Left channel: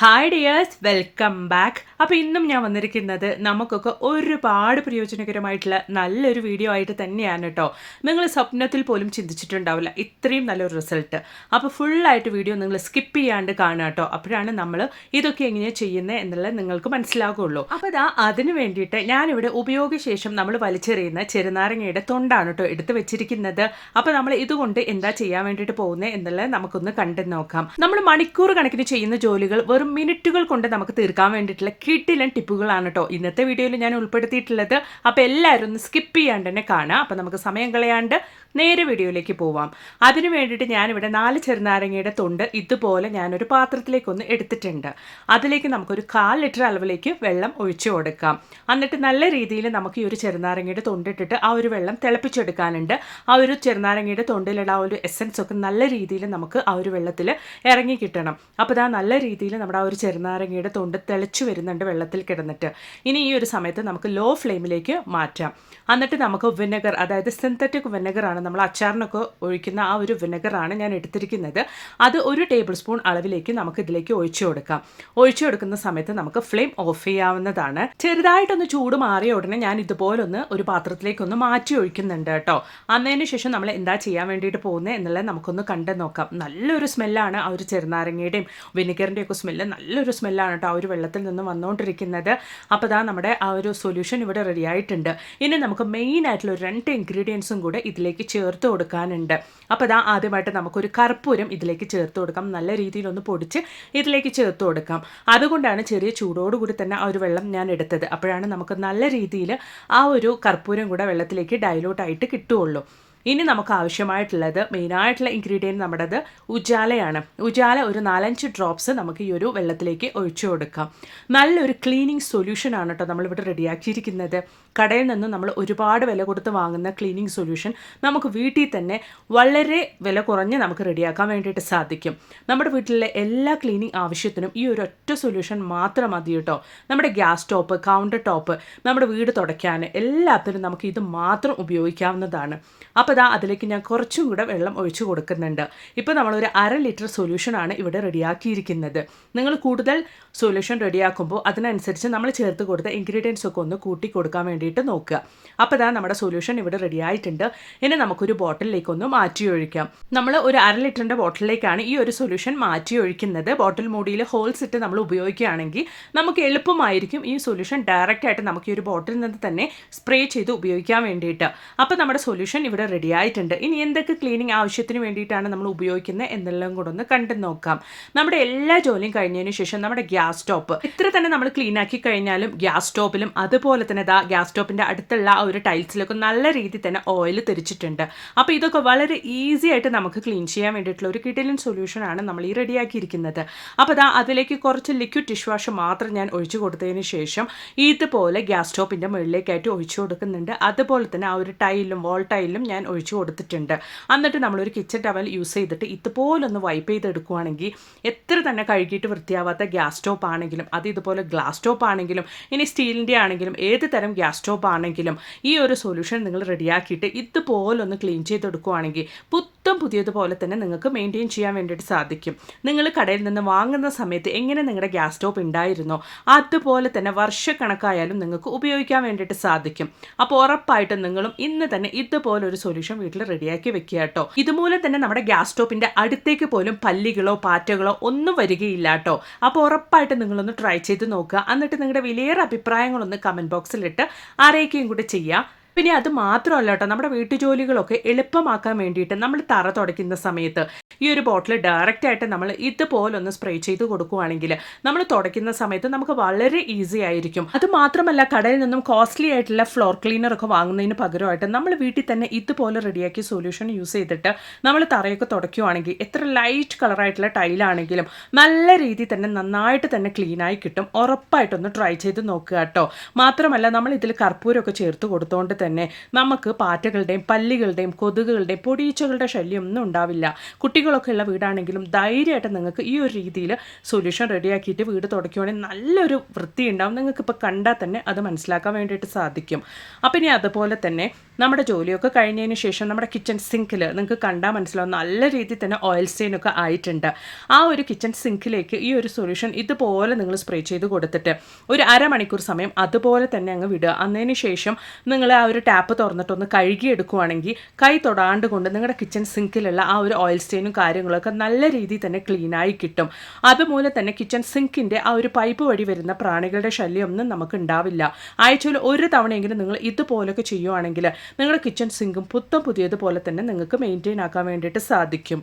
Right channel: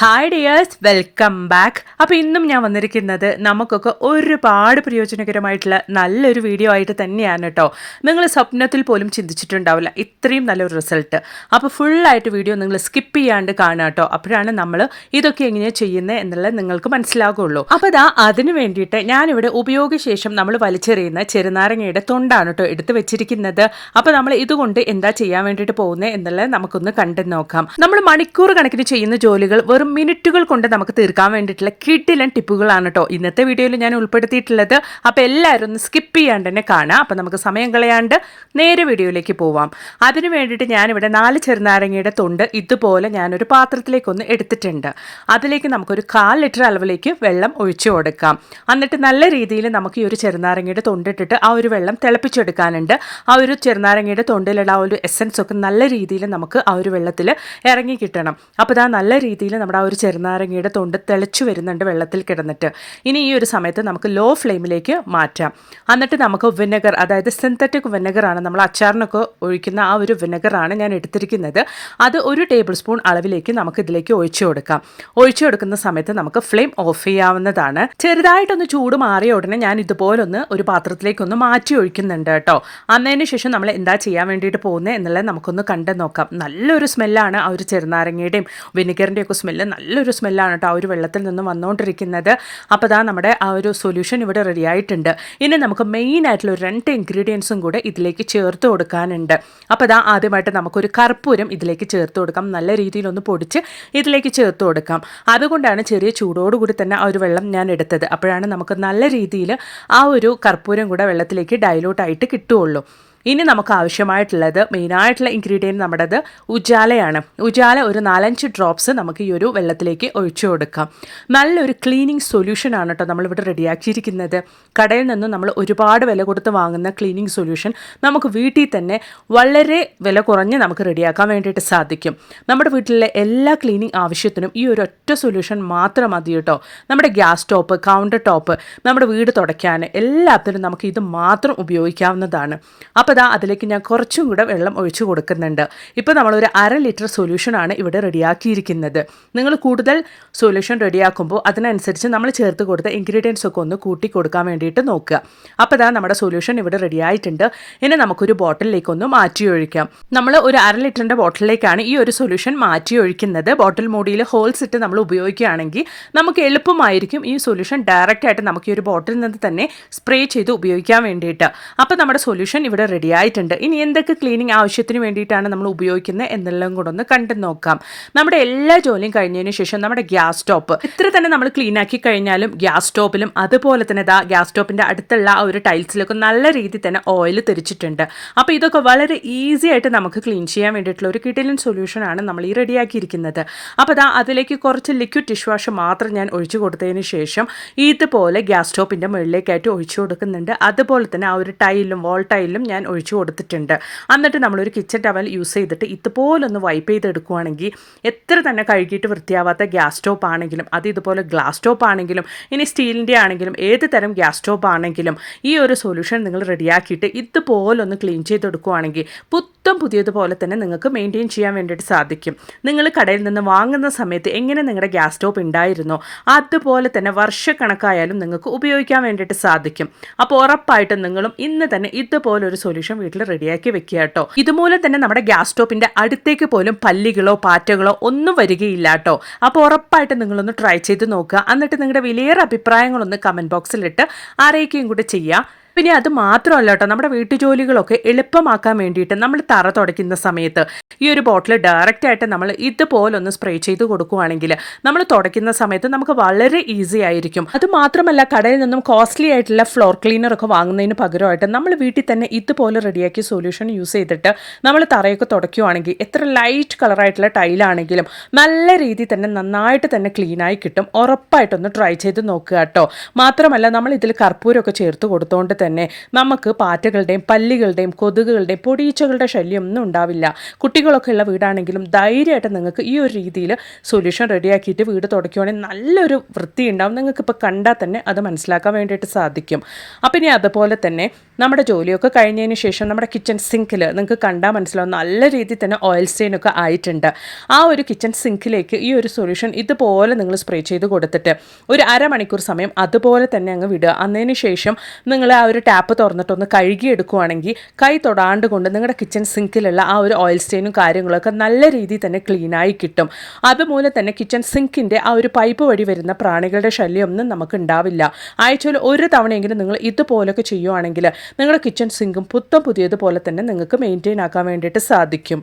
Hi dears welcome back അപ്പോൾ ഇന്നും ഞാൻ വന്നിരിക്കുന്നത് നമുക്കൊക്കെ ഒരുപാട് പ്രയോജനകരമായിട്ടുള്ള നല്ലൊരു വീഡിയോ ആയിട്ട് തന്നെയാണ് കേട്ടോ നിങ്ങൾ സ്വപ്നത്തിൽ പോലും ചിന്തിച്ചിട്ടുണ്ടാവില്ല. ഇത്രയും നല്ലൊരു റിസൾട്ട് അപ്പോൾ ഫുള്ളായിട്ട് വീഡിയോ നിങ്ങൾ സ്കിപ്പ് ചെയ്യാണ്ട് കാണുക കേട്ടോ അപ്പോഴാണ് നമ്മൾ ഇതൊക്കെ എങ്ങനെയാണ് ചെയ്യുന്നത് എന്നുള്ളത് നിങ്ങൾക്ക് മനസ്സിലാകുള്ളൂ അപ്പോൾ ഇതാ അതിന് വേണ്ടിയിട്ട് ഞാനിവിടെ ഉപയോഗശേഷം നമ്മൾ വലിച്ചെറിയുന്ന ചെറുനാരങ്ങയുടെ തൊണ്ടാണ് കേട്ടോ എടുത്ത് വെച്ചിരിക്കുന്നത്. അപ്പോൾ നമ്മൾ ഇതുകൊണ്ട് എന്താ ചെയ്യാൻ വേണ്ടിയിട്ട് പോകുന്നത് എന്നുള്ളത് നമുക്കൊന്ന് കണ്ടു നോക്കാം. നമ്മൾ മണിക്കൂർ കണക്കിന് ചെയ്യുന്ന ജോലികൾ വെറും മിനിറ്റുകൾ കൊണ്ട് നമുക്ക് തീർക്കാൻ വേണ്ടിയിട്ടുള്ള കിട്ടിലൻ ടിപ്പുകളാണ് കേട്ടോ. ഇന്നത്തെ വീഡിയോയിൽ ഞാൻ ഉൾപ്പെടുത്തിയിട്ടുള്ളത്. അപ്പോൾ എല്ലാവരും ഒന്ന് സ്കിപ്പ് ചെയ്യാണ്ട് തന്നെ കാണാം. അപ്പോൾ നമുക്ക് സമയം കളയാണ്ട് നേരെ വീഡിയോയിലേക്ക് പോവാം. അതിന് വേണ്ടിയിട്ട് ഞാനിവിടെ നാല് ചെറുനാരങ്ങയുടെ തൊണ്ട് ഇതുപോലെ ഞാനൊരു പാത്രത്തിലേക്കൊന്ന് എടുത്തിട്ടുണ്ട്. അതിലേക്ക് നമുക്കൊരു കാൽ ലിറ്റർ അളവിലേക്ക് വെള്ളം ഒഴിച്ചു കൊടുക്കാം. എന്നിട്ട് നല്ല രീതിയിൽ നമുക്ക് ഈ ഒരു ചെറുനാരങ്ങയുടെ തൊണ്ടിട്ടിട്ട് ആ ഒരു വെള്ളം തിളപ്പിച്ചെടുക്കാനുണ്ട്. ആ ഒരു ചെറുനാരങ്ങയുടെ തൊണ്ടിലുള്ള ആ ഒരു എസൻസ് ഒക്കെ നല്ല രീതിയിൽ നമുക്ക് ആ ഒരു വെള്ളത്തിൽ ഇറങ്ങി കിട്ടണം. അപ്പോൾ ഇതാ നല്ല രീതിയിൽ നമ്മുടെ ആ ഒരു ചെറുനാരങ്ങയുടെ തൊണ്ട് തിളച്ചു വരുന്നുണ്ട് വെള്ളത്തിൽ കിടന്നിട്ട്. ഇനി ഈ ഒരു സമയത്ത് നമുക്ക് ലോ ഫ്ലെയിമിലേക്ക് മാറ്റാം. എന്നിട്ട് നമുക്ക് വിനെഗർ അതായത് സിന്തറ്റിക് വിനെഗറാണ് നമ്മൾ അച്ചാറിനൊക്കെ ഒഴിക്കുന്ന ആ ഒരു വിനെഗറാണ് ഞാൻ എടുത്തിരിക്കുന്നത്. അത് ഒരു ടേബിൾ സ്പൂൺ അളവിലേക്ക് നമുക്ക് ഇതിലേക്ക് ഒഴിച്ചു കൊടുക്കാം. ഒഴിച്ചു കൊടുക്കുന്ന സമയത്ത് നമുക്ക് ഫ്ലെയിം ഓഫ് ചെയ്യാവുന്നതാണ്. ചെറുതായിട്ടൊന്ന് ചൂട് മാറിയ ഉടനെ ഞാൻ ഇതുപോലൊന്ന് ഒരു പാത്രത്തിലേക്കൊന്ന് മാറ്റി ഒഴിക്കുന്നുണ്ട് കേട്ടോ. അന്നതിന് ശേഷം നമ്മൾ എന്താ ചെയ്യാൻ വേണ്ടിയിട്ട് പോകുന്നത് എന്നുള്ളത് നമുക്കൊന്ന് കണ്ടു നോക്കാം. നല്ലൊരു സ്മെല്ലാണ് ആ ഒരു ചെറുനാരങ്ങയുടെയും വിനെഗറിന്റെയും സ്മെല്ല് നല്ലൊരു സ്മെല്ലാണ് കേട്ടോ ആ ഒരു വെള്ളത്തിൽ നിന്ന് വന്നുകൊണ്ടിരിക്കുന്നത് അപ്പോൾ അതാ നമ്മുടെ ആ ഒരു സൊല്യൂഷൻ ഇവിടെ റെഡി ആയിട്ടുണ്ട്. ഇനി നമുക്ക് മെയിൻ ആയിട്ടുള്ള ഒരു രണ്ട് ഇൻഗ്രീഡിയൻസും കൂടെ ഇതിലേക്ക് ചേർത്ത് കൊടുക്കാനുണ്ട്. അപ്പോൾ അതാ ആദ്യമായിട്ട് നമുക്കൊരു കർപ്പൂരം ഇതിലേക്ക് ചേർത്ത് കൊടുക്കാം. നല്ല രീതിയിലൊന്ന് പൊടിച്ച് ഇതിലേക്ക് ചേർത്ത് കൊടുക്കാം. അതുകൊണ്ടാണ് ചെറിയ ചൂടോടുകൂടി തന്നെ ആ ഒരു വെള്ളം ഞാൻ എടുത്തത്. അപ്പോഴാണ് നമുക്ക് നല്ല രീതിയിൽ ആ ഒരു കർപ്പൂരം കൂടെ വെള്ളത്തിലേക്ക് ഡൈലൂട്ട് ആയിട്ട് കിട്ടുകയുള്ളൂ. ഇനി നമുക്ക് ആവശ്യമായിട്ടുള്ളത് മെയിനായിട്ടുള്ള ഇൻഗ്രീഡിയന്റ് നമ്മുടേത് ഉജാലയാണ്. ഉജാല ഒരു നാലഞ്ച് ഡ്രോപ്സ് നമുക്ക് ഈ ഒരു വെള്ളത്തിലേക്ക് ഒഴിച്ചു കൊടുക്കാം. നല്ലൊരു ക്ലീനിങ് സൊല്യൂഷനാണ് കേട്ടോ നമ്മളിവിടെ റെഡിയാക്കിയിരിക്കുന്നത് കടയിൽ നിന്ന് നമ്മൾ ഒരുപാട് വില കൊടുത്ത് വാങ്ങുന്ന ക്ലീനിങ് സൊല്യൂഷൻ നമുക്ക് വീട്ടിൽ തന്നെ വളരെ വില കുറഞ്ഞ് നമുക്ക് റെഡിയാക്കാൻ വേണ്ടിയിട്ട് സാധിക്കും. നമ്മുടെ വീട്ടിലെ എല്ലാ ക്ലീനിങ് ആവശ്യത്തിനും ഈ ഒരു ഒറ്റ സൊല്യൂഷൻ മാത്രം മതി കേട്ടോ നമ്മുടെ ഗ്യാസ് ടോപ്പ് കൗണ്ടർ ടോപ്പ് നമ്മുടെ വീട് തുടയ്ക്കാൻ എല്ലാത്തിനും നമുക്ക് ഇത് മാത്രം ഉപയോഗിക്കാവുന്നതാണ്. അപ്പോൾ ഇതാ അതിലേക്ക് ഞാൻ കുറച്ചും കൂടെ വെള്ളം ഒഴിച്ചു കൊടുക്കുന്നുണ്ട്. ഇപ്പോൾ നമ്മളൊരു അര ലിറ്റർ സൊല്യൂഷനാണ് ഇവിടെ റെഡിയാക്കിയിരിക്കുന്നത്. നിങ്ങൾ കൂടുതൽ സൊല്യൂഷൻ റെഡിയാക്കുമ്പോൾ അതിനനുസരിച്ച് നമ്മൾ ചേർത്ത് കൊടുത്ത ഇൻഗ്രീഡിയൻസ് ഒക്കെ ഒന്ന് കൂട്ടി കൊടുക്കാൻ വേണ്ടിയിട്ട് നോക്കുക. അപ്പോൾ ഇതാ നമ്മുടെ സൊല്യൂഷൻ ഇവിടെ റെഡിയായിട്ടുണ്ട്. ഇനി നമുക്കൊരു ബോട്ടിലേക്ക് ഒന്ന് മാറ്റി ഒഴിക്കാം. നമ്മൾ ഒരു അര ലിറ്ററിന്റെ ബോട്ടിലേക്കാണ് ഈ ഒരു സൊല്യൂഷൻ മാറ്റി ഒഴിക്കുന്നത്. ബോട്ടിൽ മൂടിയിൽ ഹോൾസ് ഇട്ട് നമ്മൾ ഉപയോഗിക്കുകയാണെങ്കിൽ നമുക്ക് എളുപ്പമായിരിക്കും ഈ സൊല്യൂഷൻ ഡയറക്റ്റ് ആയിട്ട് നമുക്ക് ഈ ഒരു ബോട്ടിൽ നിന്ന് തന്നെ സ്പ്രേ ചെയ്ത് ഉപയോഗിക്കാൻ വേണ്ടിയിട്ട്. അപ്പോൾ നമ്മുടെ സൊല്യൂഷൻ ഇവിടെ റെഡി ആയിട്ടുണ്ട്. ഇനി എന്തൊക്കെ ക്ലീനിങ് ആവശ്യത്തിന് വേണ്ടിയിട്ടാണ് നമ്മൾ ഉപയോഗിക്കുന്നത് എന്നെല്ലാം കൂടെ ഒന്ന് കണ്ടു നോക്കാം. നമ്മുടെ എല്ലാ ജോലിയും കഴിഞ്ഞതിന് ശേഷം നമ്മുടെ ഗ്യാസ് സ്റ്റോപ്പ്. ഇത്ര തന്നെ നമ്മൾ ക്ലീൻ ആക്കി കഴിഞ്ഞാലും ഗ്യാസ് സ്റ്റോപ്പിലും അതുപോലെ തന്നെ ദാ ഗ്യാസ് സ്റ്റോപ്പിന്റെ അടുത്തുള്ള ആ ഒരു ടൈൽസിലൊക്കെ നല്ല രീതിയിൽ തന്നെ ഓയിൽ തെറിച്ചിട്ടുണ്ട്. അപ്പോൾ ഇതൊക്കെ വളരെ ഈസി ആയിട്ട് നമുക്ക് ക്ലീൻ ചെയ്യാൻ വേണ്ടിയിട്ടുള്ള ഒരു കിടിലൻ സൊല്യൂഷനാണ് നമ്മൾ ഈ റെഡിയാക്കിയിരിക്കുന്നത് അപ്പോൾ ദാ അതിലേക്ക് കുറച്ച് ലിക്വിഡ് ഡിഷ് വാഷ് മാത്രം ഞാൻ ഒഴിച്ചു കൊടുത്തതിന് ശേഷം ഇതുപോലെ ഗ്യാസ് സ്റ്റോപ്പിന്റെ മുകളിലേക്കായിട്ട് ഒഴിച്ചു കൊടുക്കുന്നുണ്ട്. അതുപോലെ തന്നെ ആ ഒരു ടൈലും വോൾ ടൈലും ഞാൻ ഒഴിച്ചു കൊടുത്തിട്ടുണ്ട്. എന്നിട്ട് നമ്മളൊരു കിച്ചൺ ടവൽ യൂസ് ചെയ്തിട്ട് ഇതുപോലെ ഒന്ന് വൈപ്പ് ചെയ്തെടുക്കുകയാണെങ്കിൽ എത്ര തന്നെ കഴുകിയിട്ട് വൃത്തിയാവാത്ത ഗ്യാസ് സ്റ്റോപ്പ് ആണെങ്കിലും അത് ഇതുപോലെ ഗ്ലാസ് സ്റ്റോപ്പ് ആണെങ്കിലും ഇനി സ്റ്റീലിന്റെ ആണെങ്കിലും ഏത് തരം ഗ്യാസ് സ്റ്റോപ്പ് ആണെങ്കിലും ഈ ഒരു സൊല്യൂഷൻ നിങ്ങൾ റെഡിയാക്കിയിട്ട് ഇതുപോലൊന്ന് ക്ലീൻ ചെയ്തെടുക്കുകയാണെങ്കിൽ പുത്തം പുതിയതുപോലെ തന്നെ നിങ്ങൾക്ക് മെയിന്റെയിൻ ചെയ്യാൻ വേണ്ടിയിട്ട് സാധിക്കും. നിങ്ങൾ കടയിൽ നിന്ന് വാങ്ങുന്ന സമയത്ത് എങ്ങനെ നിങ്ങളുടെ ഗ്യാസ് സ്റ്റോപ്പ് ഉണ്ടായിരുന്നോ അതുപോലെ തന്നെ വർഷക്കണക്കായാലും നിങ്ങൾക്ക് ഉപയോഗിക്കാൻ വേണ്ടിയിട്ട് സാധിക്കും. അപ്പോൾ ഉറപ്പായിട്ടും നിങ്ങളും ഇന്ന് തന്നെ ഇതുപോലൊരു സൊല്യൂഷൻ വീട്ടിൽ റെഡിയാക്കി വെക്കുക കേട്ടോ. ഇതുമൂലം തന്നെ നമ്മുടെ ഗ്യാസ് സ്റ്റോപ്പിന്റെ അടുത്തേക്ക് പോലും പല്ലികളോ പാറ്റകളോ ഒന്നും വരികയില്ല കേട്ടോ. അപ്പോൾ ഉറപ്പായിട്ടും നിങ്ങളൊന്ന് ട്രൈ ചെയ്ത് നോക്കുക. എന്നിട്ട് നിങ്ങളുടെ വിലയേറെ അഭിപ്രായങ്ങളൊന്ന് കമന്റ് ബോക്സിലിട്ട് അറിയിക്കുകയും കൂടെ ചെയ്യുക. പിന്നെ അത് മാത്രമല്ല കേട്ടോ നമ്മുടെ വീട്ടുജോലികളൊക്കെ എളുപ്പമാക്കാൻ വേണ്ടിയിട്ട് നമ്മൾ തറ തുടയ്ക്കുന്ന സമയത്ത് ഈ ഒരു ബോട്ടിൽ ഡയറക്റ്റ് ആയിട്ട് നമ്മൾ ഇതുപോലൊന്ന് സ്പ്രേ ചെയ്ത് കൊടുക്കുകയാണെങ്കിൽ നമ്മൾ തുടയ്ക്കുന്ന സമയത്ത് നമുക്ക് വളരെ ഈസി ആയിരിക്കും. അത് മാത്രമല്ല കടയിൽ നിന്നും കോസ്റ്റ്ലി ആയിട്ടുള്ള ഫ്ലോർ ക്ലീനർ ഒക്കെ വാങ്ങുന്നതിന് പകരമായിട്ട് നമ്മൾ വീട്ടിൽ തന്നെ ഇതുപോലെ റെഡിയാക്കിയ സൊല്യൂഷൻ യൂസ് ചെയ്തിട്ട് നമ്മൾ തറയൊക്കെ തുടയ്ക്കുകയാണെങ്കിൽ എത്ര ലൈറ്റ് കളറായിട്ടുള്ള ടൈലാണെങ്കിലും നല്ല രീതിയിൽ തന്നെ നന്നായിട്ട് തന്നെ ക്ലീനായി കിട്ടും. ഉറപ്പായിട്ടൊന്ന് ട്രൈ ചെയ്ത് നോക്കുക കേട്ടോ മാത്രമല്ല നമ്മൾ ഇതിൽ കർപ്പൂരമൊക്കെ ചേർത്ത് കൊടുത്തുകൊണ്ട് നമുക്ക് പാറ്റകളുടെയും പല്ലികളുടെയും കൊതുകുകളുടെയും പൊടിയീച്ചകളുടെ ശല്യം ഒന്നും ഉണ്ടാവില്ല. കുട്ടികളൊക്കെ ഉള്ള വീടാണെങ്കിലും ധൈര്യമായിട്ട് നിങ്ങൾക്ക് ഈ ഒരു രീതിയിൽ സൊല്യൂഷൻ റെഡിയാക്കിയിട്ട് വീട് തുടയ്ക്കുകയാണെങ്കിൽ നല്ലൊരു വൃത്തി ഉണ്ടാവും നിങ്ങൾക്ക് ഇപ്പോൾ കണ്ടാൽ തന്നെ അത് മനസ്സിലാക്കാൻ വേണ്ടിയിട്ട് സാധിക്കും. അപ്പം ഇനി അതുപോലെ തന്നെ നമ്മുടെ ജോലിയൊക്കെ കഴിഞ്ഞതിന് ശേഷം നമ്മുടെ കിച്ചൺ സിങ്കിൽ നിങ്ങൾക്ക് കണ്ടാൽ മനസ്സിലാവും നല്ല രീതിയിൽ തന്നെ ഓയിൽ സ്റ്റെയിനൊക്കെ ആയിട്ടുണ്ട്. ആ ഒരു കിച്ചൺ സിങ്കിലേക്ക് ഈ ഒരു സൊല്യൂഷൻ ഇതുപോലെ നിങ്ങൾ സ്പ്രേ ചെയ്ത് കൊടുത്തിട്ട് ഒരു അരമണിക്കൂർ സമയം അതുപോലെ തന്നെ അങ്ങ് വിടുക. അന്നതിന് ശേഷം നിങ്ങൾ ആ ഒരു ടാപ്പ് തുറന്നിട്ടൊന്ന് കഴുകിയെടുക്കുവാണെങ്കിൽ കൈ തൊടാണ്ട് കൊണ്ട് നിങ്ങളുടെ കിച്ചൺ സിങ്കിലുള്ള ആ ഒരു ഓയിൽ സ്റ്റെയിനും കാര്യങ്ങളൊക്കെ നല്ല രീതിയിൽ തന്നെ ക്ലീനായി കിട്ടും. അതുപോലെ തന്നെ കിച്ചൺ സിങ്കിന്റെ ആ ഒരു പൈപ്പ് വഴി വരുന്ന പ്രാണികളുടെ ശല്യമൊന്നും നമുക്ക് ഉണ്ടാവില്ല. ആഴ്ചയിൽ ഒരു തവണയെങ്കിലും നിങ്ങൾ ഇതുപോലൊക്കെ ചെയ്യുവാണെങ്കിൽ നിങ്ങളുടെ കിച്ചൺ സിങ്കും പുത്തം പുതിയതുപോലെ തന്നെ നിങ്ങൾക്ക് മെയിന്റെയിൻ ആക്കാൻ വേണ്ടിയിട്ട് സാധിക്കും.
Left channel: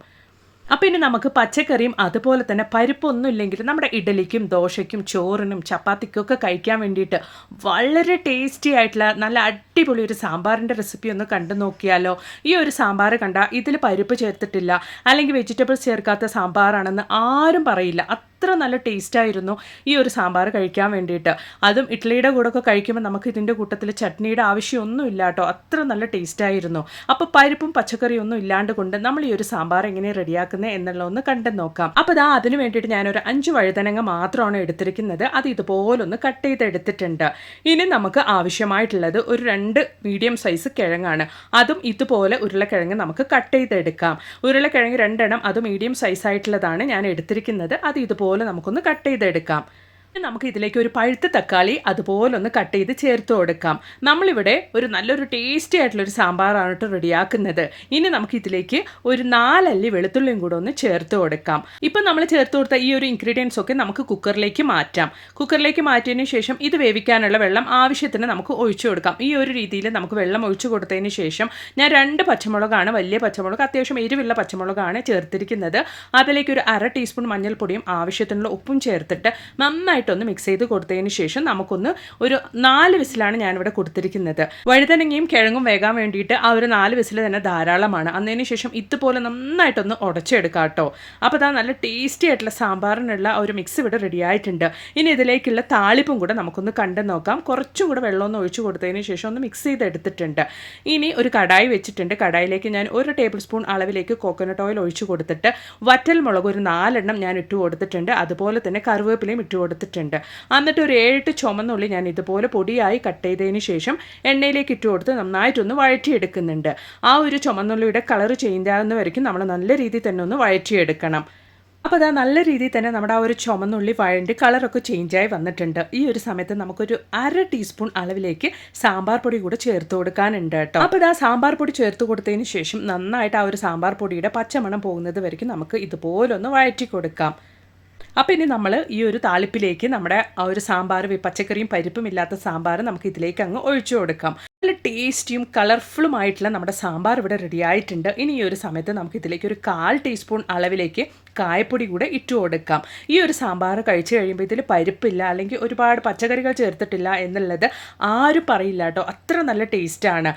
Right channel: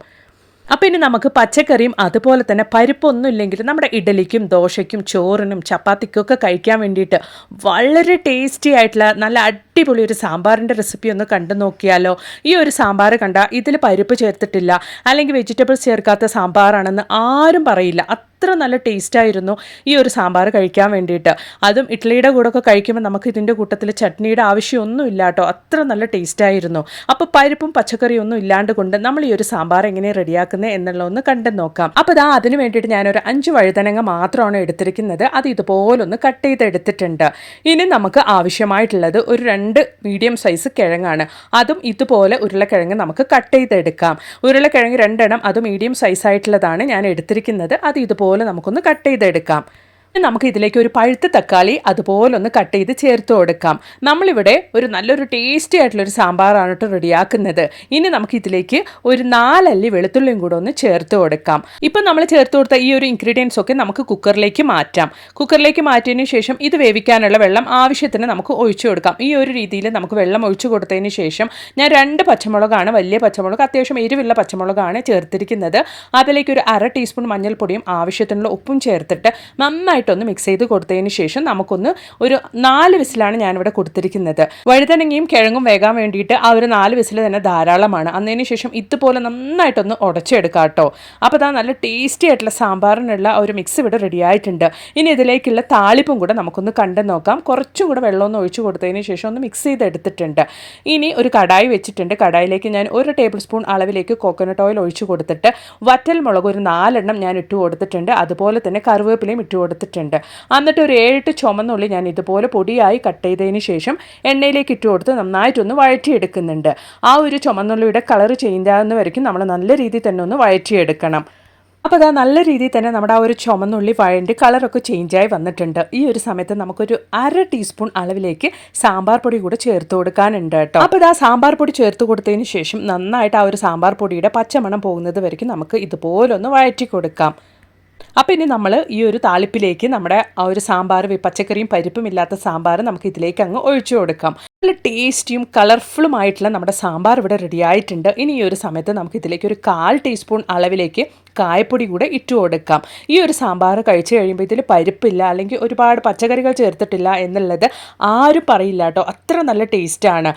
അപ്പോൾ ഇനി നമുക്ക് പച്ചക്കറിയും അതുപോലെ തന്നെ പരിപ്പൊന്നും ഇല്ലെങ്കിൽ നമ്മുടെ ഇഡലിക്കും ദോശയ്ക്കും ചോറിനും ചപ്പാത്തിക്കും ഒക്കെ കഴിക്കാൻ വേണ്ടിയിട്ട് വളരെ ടേസ്റ്റി ആയിട്ടുള്ള നല്ല അടിപൊളി ഒരു സാമ്പാറിന്റെ റെസിപ്പി ഒന്ന് കണ്ടു നോക്കിയാലോ? ഈ ഒരു സാമ്പാർ കണ്ട ഇതിൽ പരിപ്പ് ചേർത്തിട്ടില്ല അല്ലെങ്കിൽ വെജിറ്റബിൾസ് ചേർക്കാത്ത സാമ്പാറാണെന്ന് ആരും പറയില്ല. അത്ര നല്ല ടേസ്റ്റായിരുന്നു ഈ ഒരു സാമ്പാർ കഴിക്കാൻ വേണ്ടിയിട്ട്. അതും ഇഡ്ഡലിയുടെ കൂടെ ഒക്കെ കഴിക്കുമ്പോൾ നമുക്ക് ഇതിന്റെ കൂട്ടത്തിൽ ചട്നിയുടെ ആവശ്യമൊന്നും ഇല്ല കേട്ടോ. അത്ര നല്ല ടേസ്റ്റായിരുന്നു അപ്പോൾ പരിപ്പും പച്ചക്കറിയും ഒന്നും ഇല്ലാണ്ട് കൊണ്ട് നമ്മൾ ഈ ഒരു സാമ്പാർ എങ്ങനെ റെഡിയാക്കുന്നത് എന്നുള്ള ഒന്ന് കണ്ടു നോക്കാം. അപ്പോൾ ഇതാ അതിന് വേണ്ടിയിട്ട് ഞാനൊരു അഞ്ച് വഴുതനങ്ങ മാത്രമാണ് എടുത്തിരിക്കുന്നത്. അത് ഇതുപോലൊന്ന് കട്ട് ചെയ്ത് എടുത്തിട്ടുണ്ട് ഇനി നമുക്ക് ആവശ്യമായിട്ടുള്ളത് ഒരു രണ്ട് മീഡിയം സൈസ് കിഴങ്ങാണ്. അതും ഇതുപോലെ ഉരുളക്കിഴങ്ങ് നമുക്ക് കട്ട് ചെയ്തെടുക്കാം. ഉരുളക്കിഴങ്ങ് രണ്ടെണ്ണം അത് മീഡിയം സൈസ് ആയിട്ടുള്ളതാണ് ഞാൻ എടുത്തിരിക്കുന്നത്. അത് ഇതുപോലെ നമുക്കൊന്ന് കട്ട് ചെയ്തെടുക്കാം. നമുക്ക് ഇതിലേക്ക് ഒരു പഴുത്ത തക്കാളി അതുപോലെ ഒന്ന് കട്ട് ചെയ്ത് ചേർത്ത് കൊടുക്കാം. നമ്മളിവിടെ ഒരു നല്ലൊരു ടേസ്റ്റി ആയിട്ടുള്ളൊരു സാമ്പാറാണ് കേട്ടോ റെഡിയാക്കുന്നത്. ഇനി നമുക്ക് ഇതിലേക്ക് ഒരു നാലല്ലി വെളുത്തുള്ളിയും കൂടെ ഒന്ന് ചേർത്ത് കൊടുക്കാം. ഇപ്പം നമ്മൾ ചേർത്ത് കൊടുത്ത ഈ ഒരു ഇൻഗ്രീഡിയൻസ് ഒക്കെ നമുക്ക് കുക്കറിലേക്ക് മാറ്റാം. കുക്കറിലേക്ക് മാറ്റിയതിന് ശേഷം ഇത് വേവിക്കാനുള്ള വെള്ളം ആവശ്യത്തിന് നമുക്ക് ഒഴിച്ചു കൊടുക്കാം. ഈ ഒരു രീതിയിൽ നമുക്ക് വെള്ളം ഒഴിച്ചു കൊടുത്തതിന് ശേഷം ഞാൻ രണ്ട് പച്ചമുളകാണ് വലിയ പച്ചമുളക് അത്യാവശ്യം എരിവുള്ള പച്ചമുളകാണ് ചേർത്തിരിക്കുന്നത്. അതിലേക്ക് ഒരു അര ടീസ്പൂൺ മഞ്ഞൾപ്പൊടിയും ആവശ്യത്തിനുള്ള ഉപ്പും ചേർത്തിട്ട് നന്നായിട്ട് നന്നായിട്ടൊന്ന് മിക്സ് ചെയ്ത് കൊടുത്തതിന് ശേഷം നമുക്കൊന്ന് ഒരു നാല് വിസിലാണ് ഞാനിവിടെ കൊടുത്തിരിക്കുന്നത്. വഴുതനങ്ങയും കിഴങ്ങും വേകാൻ വേണ്ടിയിട്ട് ആ ഒരു നാല് വിസിൽ തന്നെ ധാരാളമാണ്. അന്നതിന് ശേഷം ഇതുപോലെ നന്നായിട്ടൊന്ന് ഉടച്ചെടുക്കാം കേട്ടോ. അപ്പോൾ അതാ നല്ല ടേസ്റ്റി ആയിട്ടുള്ള സാമ്പാറിനുള്ള ഒരു മിക്സ് ഇവിടെ റെഡി ആയിട്ടുണ്ട്. ഇനി ഇതിലേക്കുള്ള താളിപ്പും കൂടെ നമുക്കൊന്ന് കണ്ടു നോക്കാം. കുറച്ചും കൂടെ വെള്ളമൊന്ന് ഒഴിച്ചു കൊടുത്തതിന് ശേഷം ഒന്ന് മിക്സ് ചെയ്തെടുത്തിട്ടുണ്ട് ഇനി ഒരു കടായി വെച്ചിട്ടുണ്ട്. കടായിലേക്ക് ഞാൻ ഒരു ടേബിൾ സ്പൂൺ അളവിലേക്ക് കോക്കനട്ട് ഓയിൽ ഒഴിച്ചു കൊടുത്തിട്ട് വറ്റൽ മുളക് ഒരു നാലെണ്ണം ഞാൻ ഇട്ട് കൊടുത്തിട്ടുണ്ട്. അതുപോലെ തന്നെ കറിവേപ്പിലയും ഇട്ട് കൊടുത്തിട്ടുണ്ട്. എന്നിട്ട് ഒരു ഏഴെട്ട് ചുമന്നുള്ളി ഞാൻ ഇതുപോലെ പൊടിയായി കട്ട് ചെയ്തതിന് ശേഷം എണ്ണയിലേക്ക് ഇട്ട് കൊടുത്ത് നന്നായിട്ടൊന്ന് വഴറ്റിയെടുക്കുന്നുണ്ട്. ആ ഒരു ചുമന്നുള്ളിയുടെ കളർ ആകുന്ന വരയ്ക്കും നമ്മൾ നല്ല രീതിയിൽ തന്നെ ഒന്ന് വഴറ്റിയെടുക്കണം. അപ്പോൾ അതാ നല്ല രീതിയിൽ തന്നെ നമ്മുടെ ആ ഒരു ചുമന്നുള്ളി വഴണ്ടി കളറൊക്കെ ചേഞ്ചായി വന്നിട്ടുണ്ട്. ഈ ഒരു സമയത്ത് നമുക്കൊരു അര ടീസ്പൂൺ അളവിലേക്ക് സാമ്പാർ പൊടി കൂടെ ചേർത്ത് കൊടുക്കാനുണ്ട് കേട്ടോ. അപ്പോൾ ഇതാ സാമ്പാർ പൊടി ചേർത്ത് കൊടുത്തതിന് ശേഷം നന്നായിട്ട് ആ ഒരു സാമ്പാർ പൊടിയുടെ പച്ചമണം പോകുന്നത് വരയ്ക്കും നമുക്ക് ഇതുപോലൊന്ന് വഴറ്റി കൊടുക്കാം. അപ്പോൾ ഇനി നമ്മൾ ഈ ഒരു താളിപ്പിലേക്ക് നമ്മുടെ ആ ഒരു സാമ്പാർ പച്ചക്കറിയും പരിപ്പും ഇല്ലാത്ത സാമ്പാർ നമുക്ക് ഇതിലേക്ക് അങ്ങ് ഒഴിച്ചു കൊടുക്കാം. നല്ല ടേസ്റ്റിയും കളർഫുള്ളുമായിട്ടുള്ള നമ്മുടെ സാമ്പാർ ഇവിടെ റെഡി ആയിട്ടുണ്ട്. ഇനി ഈ ഒരു സമയത്ത് നമുക്ക് ഇതിലേക്ക് ഒരു കാൽ ടീസ്പൂൺ അളവിലേക്ക് കായപ്പൊടി കൂടെ ഇട്ടു കൊടുക്കാം. ഈ ഒരു സാമ്പാർ കഴിച്ചു കഴിയുമ്പോൾ ഇതിൽ പരിപ്പില്ല അല്ലെങ്കിൽ ഒരുപാട് പച്ചക്കറികൾ ചേർത്തിട്ടില്ല എന്നുള്ളത് ആരും പറയില്ല കേട്ടോ. അത്ര നല്ല ടേസ്റ്റാണ്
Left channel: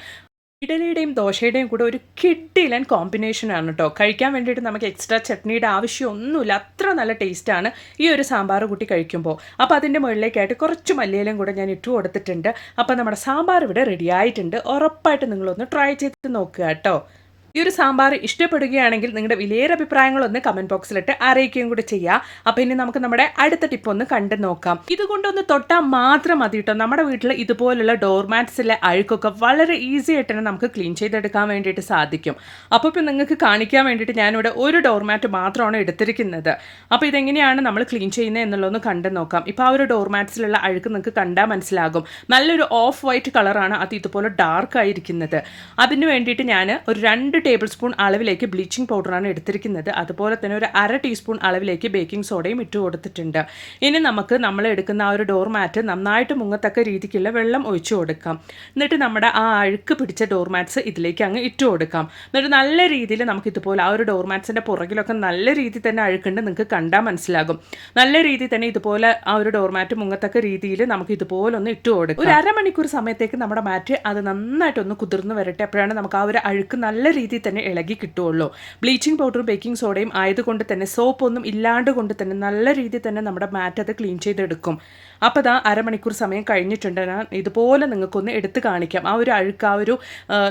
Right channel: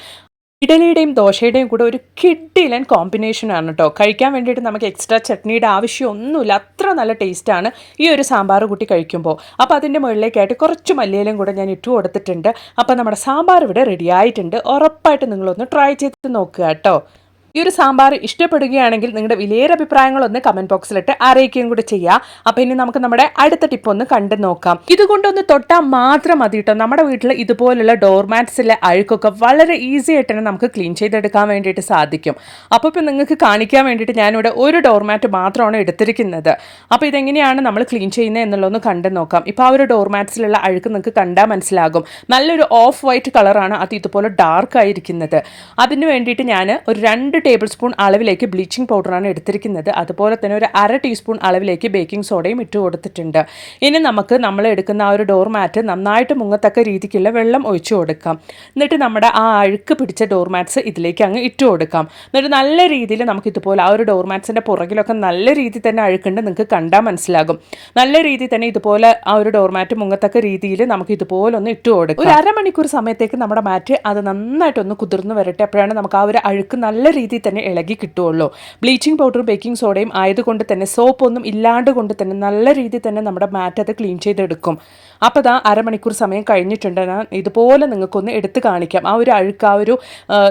ഇഡലിയുടെയും ദോശയുടെയും കൂടെ ഒരു കിഡിലൻ കോമ്പിനേഷനാണ് കേട്ടോ കഴിക്കാൻ വേണ്ടിയിട്ട് നമുക്ക് എക്സ്ട്രാ ചട്നിയുടെ ആവശ്യമൊന്നുമില്ല. അത്ര നല്ല ടേസ്റ്റാണ് ഈ ഒരു സാമ്പാർ കൂട്ടി കഴിക്കുമ്പോൾ. അപ്പോൾ അതിന്റെ മുകളിലേക്കായിട്ട് കുറച്ച് മല്ലിയിലും കൂടെ ഞാൻ ഇട്ടു കൊടുത്തിട്ടുണ്ട്. അപ്പോൾ നമ്മുടെ സാമ്പാർ ഇവിടെ റെഡി ആയിട്ടുണ്ട്. ഉറപ്പായിട്ട് നിങ്ങളൊന്ന് ട്രൈ ചെയ്ത് നോക്കുക കേട്ടോ ഈ ഒരു സാമ്പാർ ഇഷ്ടപ്പെടുകയാണെങ്കിൽ നിങ്ങളുടെ വിലയേറെ അഭിപ്രായങ്ങളൊന്ന് കമന്റ് ബോക്സിലിട്ട് അറിയിക്കുകയും കൂടി ചെയ്യാം. അപ്പോൾ ഇനി നമുക്ക് നമ്മുടെ അടുത്ത ടിപ്പ് ഒന്ന് കണ്ടു നോക്കാം. ഇതുകൊണ്ടൊന്ന് തൊട്ടാൽ മാത്രം മതി കേട്ടോ നമ്മുടെ വീട്ടിൽ ഇതുപോലുള്ള ഡോർമാറ്റ്സിലെ അഴുക്കൊക്കെ വളരെ ഈസി ആയിട്ട് തന്നെ നമുക്ക് ക്ലീൻ ചെയ്തെടുക്കാൻ വേണ്ടിയിട്ട് സാധിക്കും. അപ്പോൾ ഇപ്പോൾ നിങ്ങൾക്ക് കാണിക്കാൻ വേണ്ടിയിട്ട് ഞാനിവിടെ ഒരു ഡോർമാറ്റ് മാത്രമാണ് എടുത്തിരിക്കുന്നത്. അപ്പോൾ ഇതെങ്ങനെയാണ് നമ്മൾ ക്ലീൻ ചെയ്യുന്നത് എന്നുള്ളതൊന്ന് കണ്ടു നോക്കാം. ഇപ്പോൾ ആ ഒരു ഡോർമാറ്റ്സിലുള്ള അഴുക്ക് നിങ്ങൾക്ക് കണ്ടാൽ മനസ്സിലാകും. നല്ലൊരു ഓഫ് വൈറ്റ് കളറാണ് അത് ഇതുപോലെ ഡാർക്ക് ആയിരിക്കുന്നത്. അതിന് വേണ്ടിയിട്ട് ഞാൻ ഒരു രണ്ട് ടേബിൾ സ്പൂൺ അളവിലേക്ക് ബ്ലീച്ചിങ് പൗഡറാണ് എടുത്തിരിക്കുന്നത്. അതുപോലെ തന്നെ ഒരു അര ടീസ്പൂൺ അളവിലേക്ക് ബേക്കിംഗ് സോഡയും ഇട്ട് കൊടുത്തിട്ടുണ്ട്. ഇനി നമുക്ക് നമ്മൾ എടുക്കുന്ന ആ ഒരു ഡോർ മാറ്റ് നന്നായിട്ട് മുങ്ങത്തക്ക രീതിക്കുള്ള വെള്ളം ഒഴിച്ചു കൊടുക്കാം. എന്നിട്ട് നമ്മുടെ ആ അഴുക്ക് പിടിച്ച ഡോർ മാറ്റ്സ് ഇതിലേക്ക് അങ്ങ് ഇട്ട് കൊടുക്കാം. എന്നിട്ട് നല്ല രീതിയിൽ നമുക്ക് ഇതുപോലെ ആ ഒരു ഡോർ മാറ്റ്സിന്റെ പുറകിലൊക്കെ നല്ല രീതിയിൽ തന്നെ അഴുക്കുണ്ട്. നിങ്ങൾക്ക് കണ്ടാൽ മനസ്സിലാകും. നല്ല രീതിയിൽ തന്നെ ഇതുപോലെ ആ ഒരു ഡോർ മാറ്റ് മുങ്ങത്തക്ക രീതിയിൽ നമുക്ക് ഇതുപോലെ ഒന്ന് ഇട്ട് കൊടുക്കാം. ഒരു അരമണിക്കൂർ സമയത്തേക്ക് നമ്മുടെ മാറ്റ് അത് നന്നായിട്ടൊന്ന് കുതിർന്ന് വരട്ടെ. അപ്പോഴാണ് നമുക്ക് ആ ഒരു അഴുക്ക് നല്ല രീതിയിൽ തന്നെ ഇളകി കിട്ടുകയുള്ളൂ. ബ്ലീച്ചിങ് പൗഡറും ബേക്കിംഗ് സോഡയും ആയതുകൊണ്ട് തന്നെ സോപ്പൊന്നും ഇല്ലാണ്ട് കൊണ്ട് തന്നെ നല്ല രീതിയിൽ തന്നെ നമ്മുടെ മാറ്റ് അത് ക്ലീൻ ചെയ്തെടുക്കും. അപ്പോൾ ഇതാ അരമണിക്കൂർ സമയം കഴിഞ്ഞിട്ടുണ്ട്. ഞാൻ ഇതുപോലെ നിങ്ങൾക്കൊന്ന് എടുത്ത് കാണിക്കാം. ആ ഒരു അഴുക്ക് ആ ഒരു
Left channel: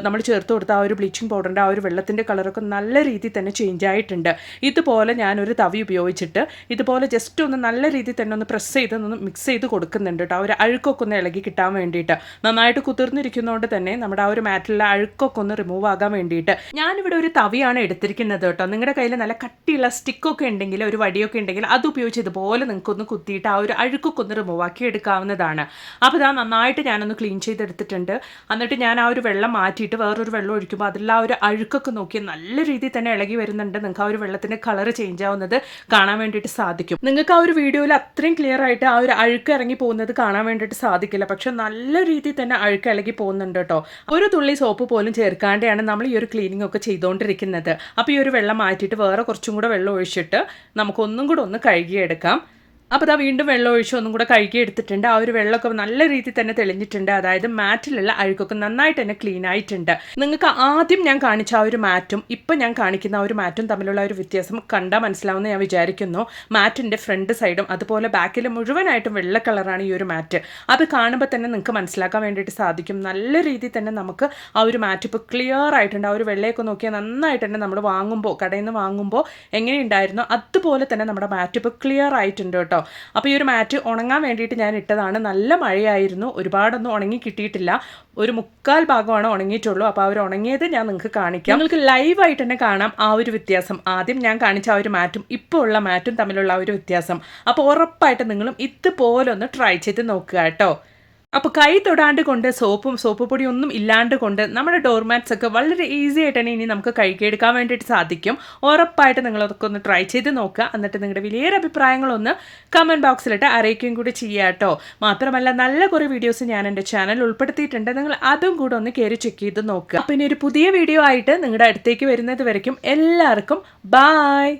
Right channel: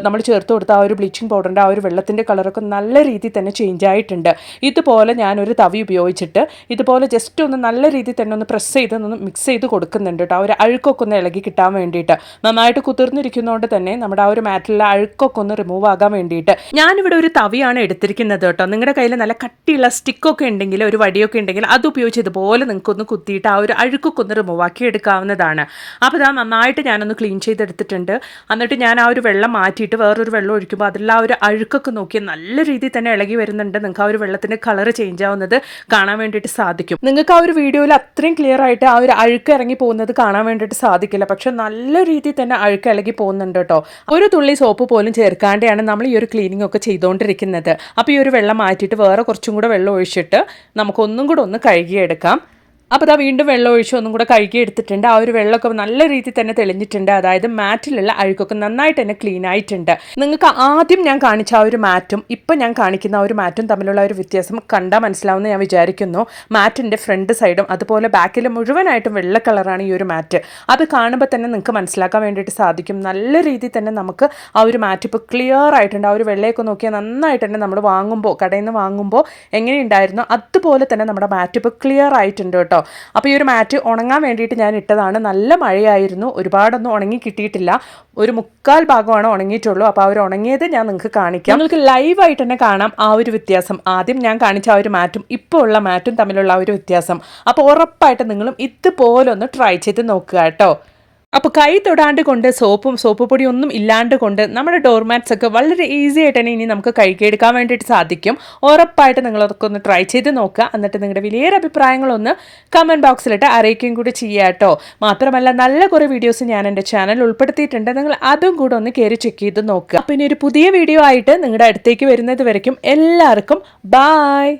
നമ്മൾ ചേർത്ത് കൊടുത്ത ആ ഒരു ബ്ലീച്ചിങ് പൗഡറിന്റെ ആ ഒരു വെള്ളത്തിന്റെ കളറൊക്കെ നല്ല രീതിയിൽ തന്നെ ചേഞ്ച് ആയിട്ടുണ്ട്. ഇതുപോലെ ഞാനൊരു തവി ഉപയോഗിച്ചിട്ട് ഇതുപോലെ ജസ്റ്റ് ഒന്ന് നല്ല രീതിയിൽ തന്നെ ഒന്ന് പ്രസ് ചെയ്ത് ഒന്ന് മിക്സ് ചെയ്ത് കൊടുക്കുന്നുണ്ട് കേട്ടോ. ആ ഒരു അഴുക്കൊക്കെ ഒന്ന് ഇളകി കിട്ടാൻ വേണ്ടിയിട്ട്. നന്നായിട്ട് കുതിർന്നിരിക്കുന്നതുകൊണ്ട് തന്നെ നമ്മുടെ ആ ഒരു മാറ്റിലുള്ള അഴുക്കൊക്കെ ഒന്ന് റിമൂവ് ആകാൻ വേണ്ടിയിട്ട് ഞാനിവിടെ ഒരു തവിയാണ് എടുത്തിരിക്കുന്നത് കേട്ടോ. നിങ്ങളുടെ കയ്യിൽ നല്ല കട്ടിയുള്ള സ്റ്റിക്കൊക്കെ ഉണ്ടെങ്കിൽ ഒരു വടിയൊക്കെ ഉണ്ടെങ്കിൽ അത് ഉപയോഗിച്ച് ഇതുപോലെ നിങ്ങൾക്കൊന്ന് കുത്തിയിട്ട് ആ ഒരു അഴുക്കൊക്കെ ഒന്ന് റിമൂവ് ആക്കി എടുക്കാവുന്നതാണ്. അപ്പോൾ ഇതാ നന്നായിട്ട് ഞാനൊന്ന് ക്ലീൻ ചെയ്തെടുത്തിട്ടുണ്ട്. എന്നിട്ട് ഞാൻ ആ ഒരു വെള്ളം മാറ്റിയിട്ട് വേറൊരു വെള്ളം ഒഴിക്കുമ്പോൾ അതിലുള്ള ആ ഒരു അഴുക്കൊക്കെ നോക്കി നല്ല രീതിയിൽ തന്നെ ഇളകി വരുന്നുണ്ട്. നിങ്ങൾക്ക് ആ ഒരു വെള്ളത്തിന്റെ കളർ ചേഞ്ച് ആവുന്നത് കാണാൻ വേണ്ടിയിട്ട് സാധിക്കും. നിങ്ങൾക്ക് ആ ഒരു വീഡിയോയിൽ അത്രയും ക്ലിയർ ആയിട്ട് ആ ഒരു അഴുക്ക് ഇറങ്ങി പോകുന്നത് കാണാൻ വേണ്ടിയിട്ട് സാധിക്കില്ല. പക്ഷെ നല്ല രീതിയിൽ തന്നെ അഴുക്ക് ഇളകി പോകുന്നുണ്ട് കേട്ടോ. ഒരു തുള്ളി സോപ്പ് പോലും ചേർക്കാണ്ടാണ് നമ്മൾ ഈ ഒരു ക്ലീനിങ് ഒക്കെ ചെയ്തുകൊണ്ടിരിക്കുന്നത് അപ്പോൾ ഈ ഒരു വെള്ളം മാറ്റിയിട്ട് വേറെ കുറച്ചും കൂടെ വെള്ളം ഒഴിച്ചിട്ട് നമുക്കൊന്നും കൂടെ ഒന്ന് കഴുകിയെടുക്കാം. അപ്പോൾ അതാ വീണ്ടും വെള്ളം ഒഴിച്ച് ഒന്നും കൂടെ കഴുകി എടുത്തിട്ടുണ്ട്. ആ ഒരു വെള്ളമൊക്കെ നല്ല രീതിയിൽ തന്നെ തെളിഞ്ഞിട്ടുണ്ട്. അതായത് മാറ്റിലുള്ള അഴുക്കൊക്കെ നന്നായിട്ട് തന്നെ ക്ലീൻ ആയിട്ടുണ്ട്. നിങ്ങൾക്ക് ആദ്യം ഞാൻ കാണിച്ച ആ ഒരു മാറ്റും ഇപ്പം ഞാൻ കാണിക്കുന്ന ആ ഒരു മാറ്റും തമ്മിലുള്ള ഒരു വ്യത്യാസം കണ്ടാൽ മനസ്സിലാവുമെന്ന് ഞാൻ വിചാരിക്കുന്നു. മാറ്റിന്റെ ഫ്രണ്ട് സൈഡും അതുപോലെ ബാക്കിൽ മുഴുവനായിട്ടും വെള്ള കളറാണ് ഈ ഒരു മാറ്റ്. അത് കാണുമ്പോൾ തന്നെ നിങ്ങൾക്ക് മനസ്സിലാക്കാൻ വേണ്ടിയിട്ട് സാധിക്കും. നല്ല രീതിയിൽ തന്നെ നമുക്ക് ആ ഒരു മാറ്റ് ഇപ്പോൾ ക്ലിയർ ആയിട്ടുണ്ട്. ആ ഒരു വെള്ളയൊക്കെ നോക്കിയാൽ നന്നായിട്ട് തന്നെ നമ്മൾ വാങ്ങുമ്പോൾ കടയിൽ നിന്ന് വാങ്ങുമ്പോൾ എങ്ങനെയുണ്ടായിരുന്നു അതുപോലെ തന്നെ നമ്മുടെ മാറ്റ് ഇപ്പോൾ ക്ലിയർ ആയിട്ടുണ്ട് കേട്ടോ. കേട്ടോ. അപ്പോൾ ഈ ഒരു മാറ്റ് ഉണങ്ങാൻ വേണ്ടിയിട്ട് ഞാൻ ഇട്ടതാണ്. നല്ല മഴയായിരുന്നു. ഒരുപാടൊന്നും ഉണങ്ങി കിട്ടിയിട്ടില്ല. ഒരു മുക്കാൽ ഭാഗമാണ് ഉണങ്ങിയിട്ടുള്ളൂ. അപ്പോൾ അവർ ഉണങ്ങിയത് ഞാൻ നിങ്ങൾക്ക് കാണിക്കാം. നിങ്ങൾക്ക് ലൈവായിട്ട് തന്നെ കാണാം ആ ഒരു വ്യത്യാസം. ആദ്യം ഞാൻ കാണിച്ച ആ ഒരു മാറ്റും ഇപ്പോൾ ഉള്ള മാറ്റും തമ്മിലുള്ള ആ ഒരു വ്യത്യാസം. അപ്പോൾ ഉറപ്പായിട്ട് നിങ്ങളും ഇതുപോലൊന്ന് ട്രൈ ചെയ്ത് നോക്കുക കേട്ടോ. അപ്പോൾ കൈ തൊടാണ്ട് കൊണ്ട് സോപ്പും സോപ്പ് പൊടിയൊന്നും ഇല്ലാണ്ട് കൊണ്ട് നമ്മുടെ ഡോർമാറ്റ്സ് ഒക്കെ വളരെ ഈസി ആയിട്ട് തന്നെ ഇനി നമുക്ക് കഴുകിയെടുക്കാൻ വേണ്ടിയിട്ട് സാധിക്കും. ഉറപ്പായിട്ട് നിങ്ങളതൊക്കെ ഒന്ന് ട്രൈ ചെയ്ത് നോക്കുക. എന്നിട്ട് നിങ്ങളുടെ വലിയൊരു അഭിപ്രായങ്ങളൊന്ന് കമന്റ് ബോക്സിലിട്ട് അറിയിക്കുകയും കൂടി ചെയ്യുക കേട്ടോ. മാത്രമല്ല നല്ല കുറേ വീഡിയോസ് ഞാൻ എന്റെ ചാനൽ ഉൾപ്പെടുത്തിയിട്ടുണ്ട്. നിങ്ങൾ അതും കൂടെ ഒന്ന് കയറി ചെക്ക് ചെയ്ത് നോക്കുക. പിന്നെ ഒരു പുതിയ വീഡിയോ ആയിട്ട് നിങ്ങളുടെ അടുത്തേക്ക് വരുന്നത് വരയ്ക്കും. എല്ലാവർക്കും ബായ്